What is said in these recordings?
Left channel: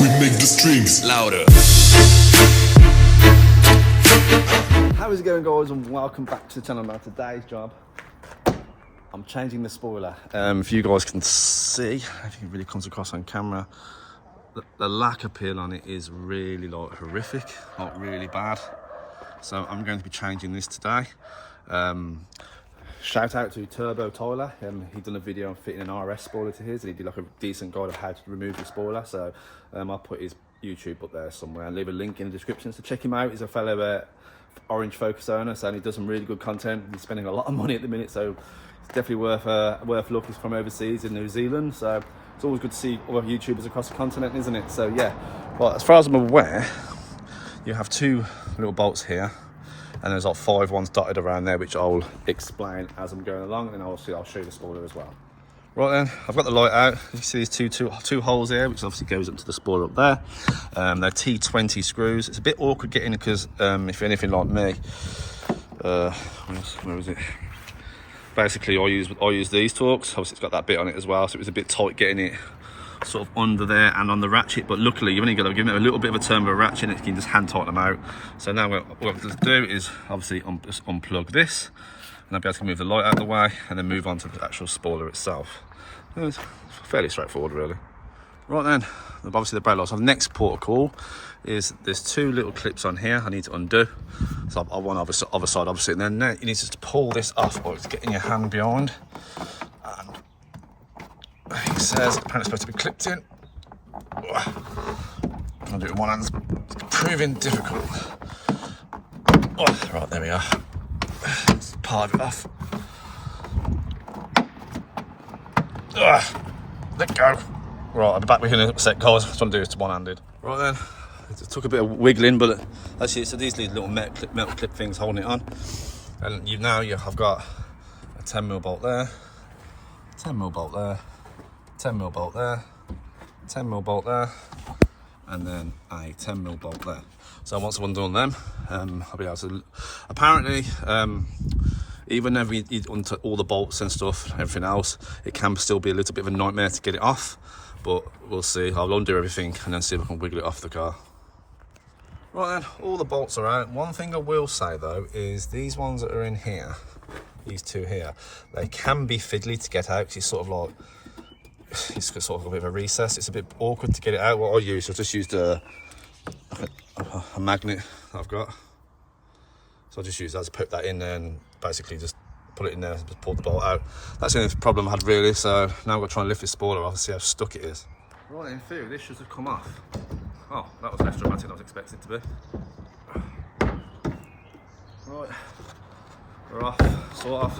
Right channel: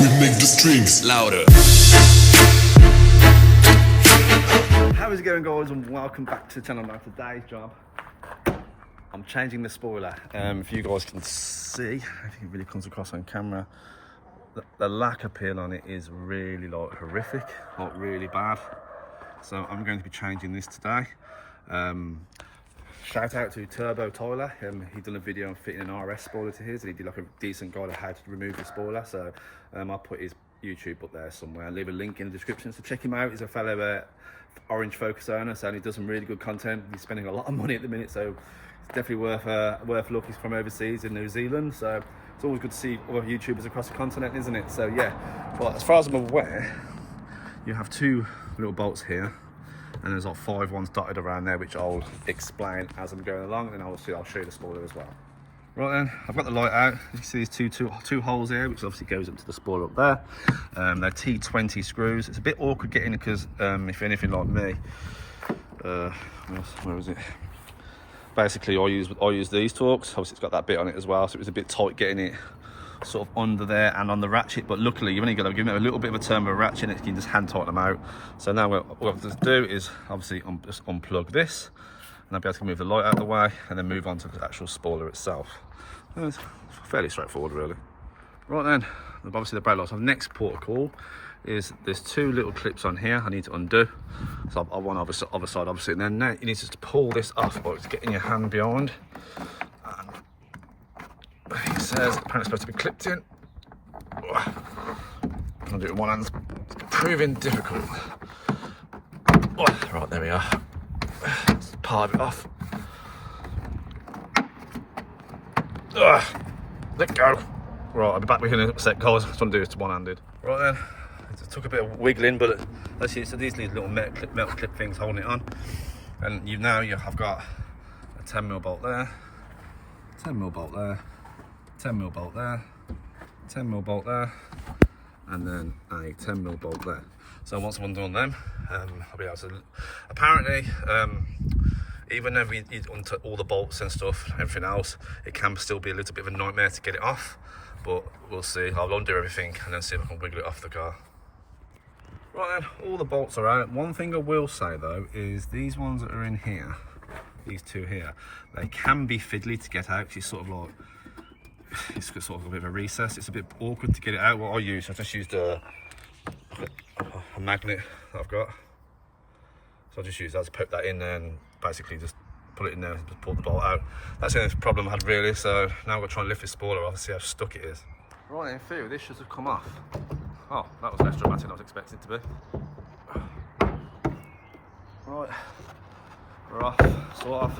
We make the streams louder. How is it going, guys, and welcome back to the channel. Now today's job, I'm changing the spoiler. If you guys can see, I think it really comes across on camera, the lack of peel on it is really like horrific, like really bad. So I'm going to be changing this today. Shout out to Turbo Tyler. He done a video on fitting an RS spoiler to his, and he did like a decent guide of how to remove the spoiler. So I'll put his YouTube up there somewhere and leave a link in the description. So check him out. He's a fellow Orange Focus owner, so he does some really good content. He's spending a lot of money at the minute, so it's definitely worth looking. He's from overseas in New Zealand, so it's always good to see other YouTubers across the continent, isn't it? So yeah, well, as far as I'm aware, you have two little bolts here, and there's like 5 ones dotted around there, which I'll explain as I'm going along, and then I'll show you the spoiler as well. Right then, I've got the light out. You can see these two holes here, which obviously goes up to the spoiler up there. They're T20 screws. It's a bit awkward getting it because if you're anything like me, where is it? Basically, I use these Torx. Obviously, it's got that bit on it as well, so it was a bit tight getting it sort of under there and on the ratchet. But luckily, you've only got to give it a little bit of a turn with a ratchet, and you can just hand tighten them out. So now what I'm going to do is obviously just unplug this, and I'll be able to move the light out of the way, and then move on to the actual spoiler itself. It's fairly straightforward, really. Right then, obviously the brake lights. So the next port of call is there's 2 little clips on here I need to undo. So I want other side, obviously, and then you need to just pull this off, or it's getting your hand behind. And it says apparently it's supposed to be clipped in. I'll do it with one hand. It's proving difficult. Oh, right, there we are. Let's part it off. Let go. Right, I'll be back with you in a sec, guys. I just want to do this one-handed. Right then, it took a bit of wiggling, but actually, so these little metal clip things holding it on. And I've got a 10mm bolt there, 10mm bolt there, 10mm bolt there, 10mm bolt there, and then a 10mm bolt there. So once I've undone them, I'll be able to. Apparently, even though you undo all the bolts and stuff, everything else, it can still be a little bit of a nightmare to get it off. But we'll see. I'll undo everything and then see if I can wiggle it off the car. Right then, all the bolts are out. One thing I will say though is these ones that are in here, these 2 here, they can be fiddly to get out, because it's sort of a bit of a recess. It's a bit awkward to get it out. What I just used a magnet that I've got. So I just use that to put that in there and basically just put it in there and just pull the bolt out. That's the only problem I had really, so now I'm going to try and lift this spoiler off and see how stuck it is. Right, in theory this should have come off. Oh, that was less dramatic than I was expecting it to be. Right, we're off, sort of.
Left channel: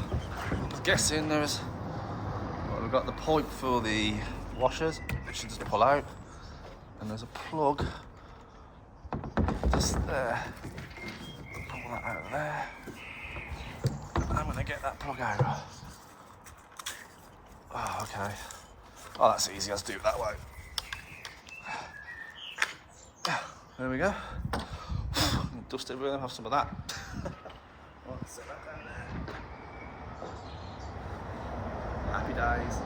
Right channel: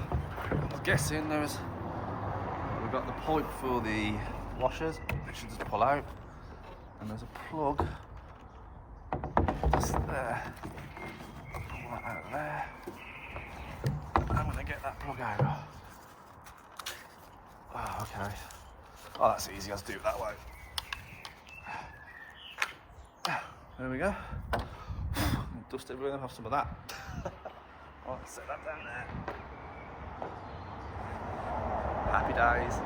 I'm guessing we've got the pipe for the washers, which you just pull out, and there's a plug just there. Pull that out of there. I'm going to get that plug out. Oh, okay. Oh, that's easy. Let's do it that way. There we go. Dust it with, have some of that. I'll set that down there. Happy days.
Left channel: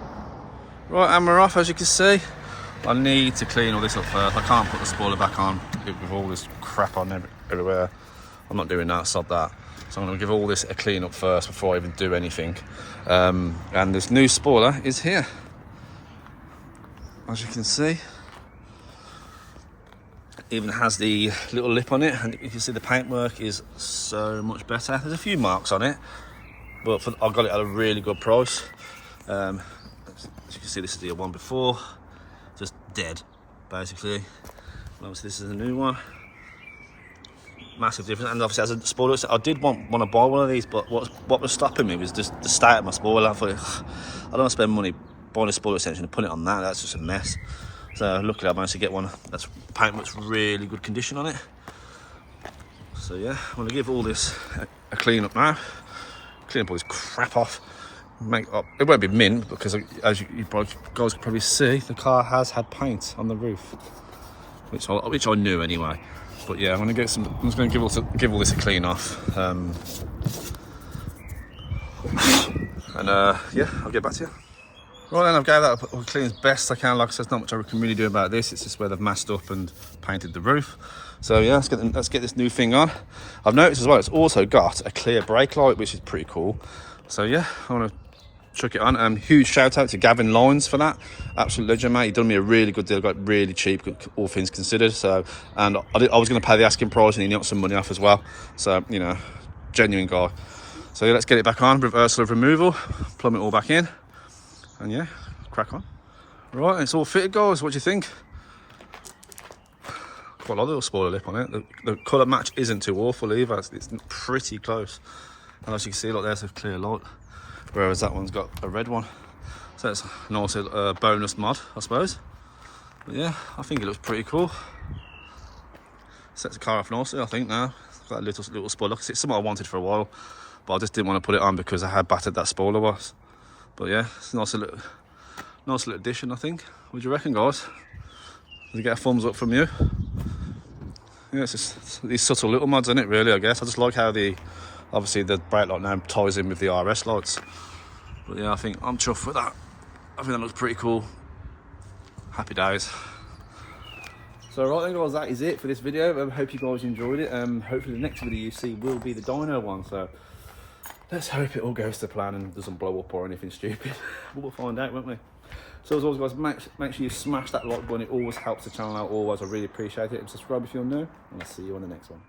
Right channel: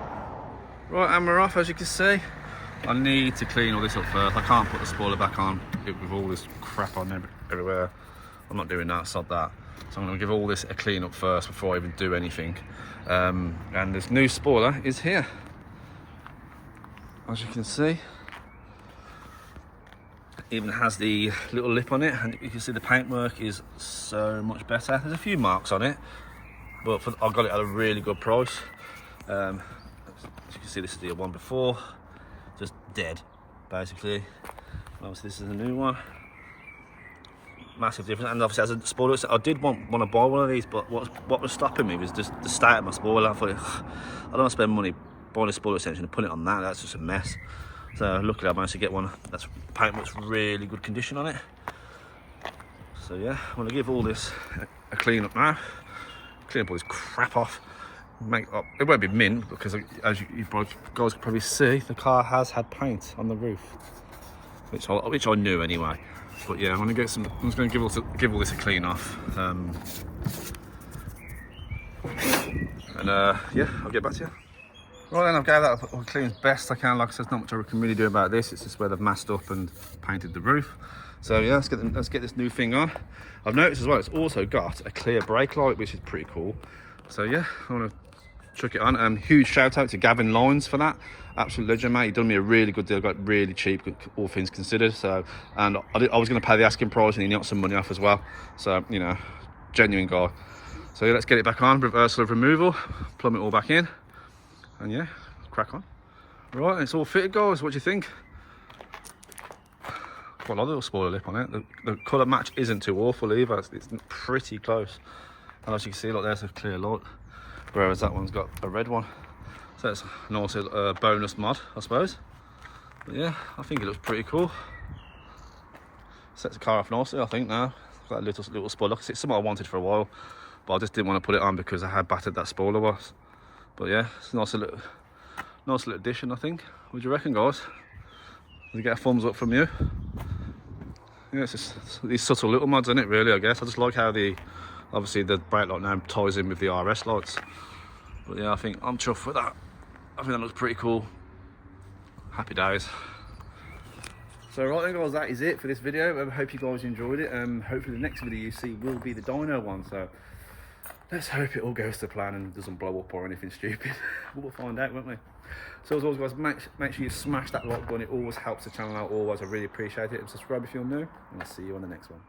Right, and we're off, as you can see. I need to clean all this up first. I can't put the spoiler back on with all this crap on everywhere. I'm not doing that, sod that. So I'm going to give all this a clean up first before I even do anything. And this new spoiler is here. As you can see, it even has the little lip on it, and you can see the paintwork is so much better. There's a few marks on it, but I got it at a really good price. As you can see, this is the one before, just dead, basically. And obviously this is a new one. Massive difference, and obviously as a spoiler, I did want to buy one of these, but what was stopping me was just the state of my spoiler. I thought, I don't want to spend money buying a spoiler extension and put it on that's just a mess. So luckily I managed to get one that's paintwork's really good condition on it. So yeah, I'm going to give all this a clean up now, clean up all this crap off, it won't be mint, because as you guys can probably see, the car has had paint on the roof, which I knew anyway. But yeah, I'm just going to give all this a clean off, and yeah, I'll get back to you. Right then, I've gave that a clean as best I can. Like I said, there's not much I can really do about this. It's just where they've masked up and painted the roof. So yeah, let's get this new thing on. I've noticed as well, it's also got a clear brake light, which is pretty cool. So yeah, I want to chuck it on. Huge shout out to Gavin Lyons for that. Absolute legend, mate. He done me a really good deal. Got it really cheap, all things considered. So, and I was going to pay the asking price, and he knocked some money off as well. So, you know, genuine guy. So yeah, let's get it back on. Reversal of removal. Plumb it all back in. And yeah, crack on. Right, it's all fitted, guys. What do you think? Quite a lot of little spoiler lip on it. The colour match isn't too awful either. It's pretty close. And as you can see, look, there's a clear light. Whereas that one's got a red one. So it's a nice bonus mod, I suppose. But yeah, I think it looks pretty cool. Sets the car off nicely, I think, now. It's got a little spoiler. It's something I wanted for a while. But I just didn't want to put it on because I had battered that spoiler was. But yeah, it's a nice little addition, I think. What do you reckon, guys? Does it get a thumbs up from you? Yeah, it's just these subtle little mods in it, really, I guess. I just like how obviously the brake light now ties in with the RS lights. But yeah, I think I'm chuffed with that. I think that looks pretty cool. Happy days. So right then, guys, that is it for this video. I hope you guys enjoyed it. Hopefully the next video you see will be the dyno one. So let's hope it all goes to plan and doesn't blow up or anything stupid. We'll find out, won't we? So as always, guys, make sure you smash that like button. It always helps the channel out. Always, I really appreciate it. And subscribe if you're new. And I'll see you on the next one.